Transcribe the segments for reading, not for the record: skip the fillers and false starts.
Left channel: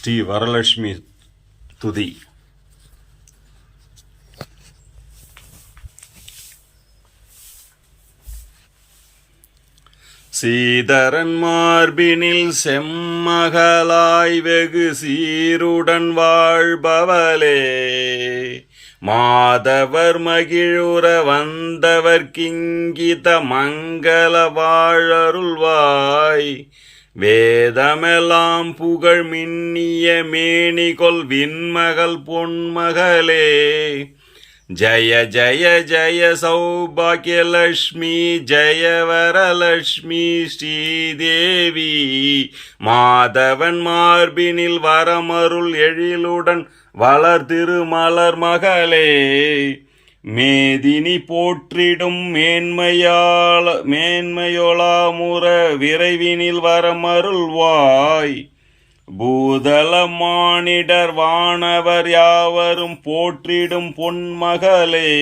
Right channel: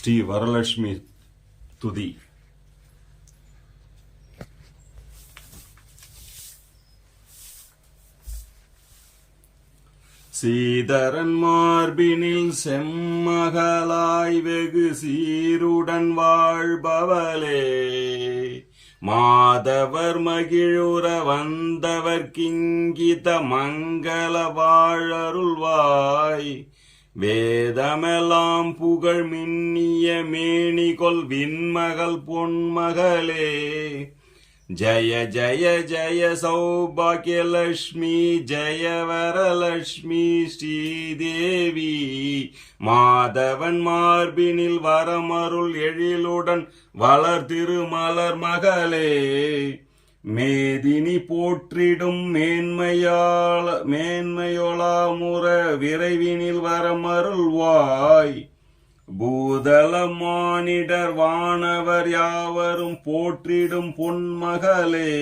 ஸ்ரீ வரலட்சுமி துதி. சீதரன் மார்பினில் செம்மகளாய் வெகு சீருடன் வாழ்பவளே, மாதவர் மகிழுற வந்தவர் கிங்கித மங்கள வாழருள்வாய். வேதமெல்லாம் புகழ் மின்னிய மேனிகொள் விண்மகள் பொன்மகளே, ஜய ஜய ஜய சௌபாகியலட்சுமி ஜய வரலட்சுமி ஸ்ரீதேவி. மாதவன் மார்பினில் வரமருள் எழிலுடன் வளர் திருமலர் மகளே, மேதினி போற்றிடும் மேன்மையொளாமுற விரைவினில் வரமருள்வாய். பூதல மானிடர் வானவர் யாவரும் போற்றிடும் பொன்மகளே,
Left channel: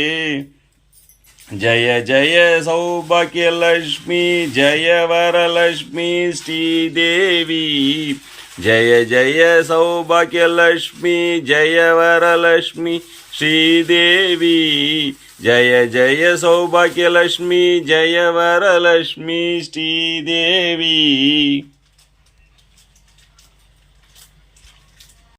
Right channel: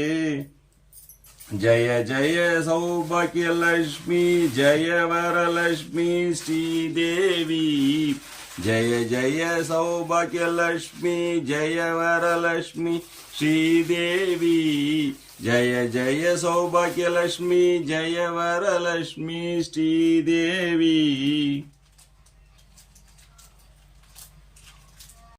ஜய ஜய சௌபாகியலட்சுமி ஜய வரலட்சுமி ஸ்ரீதேவி. ஜய ஜய சௌபாகியலட்சுமி ஜய வரலட்சுமி ஸ்ரீதேவி. ஜய ஜய சௌபாகியலட்சுமி ஜய வரலட்சுமி ஸ்ரீதேவி.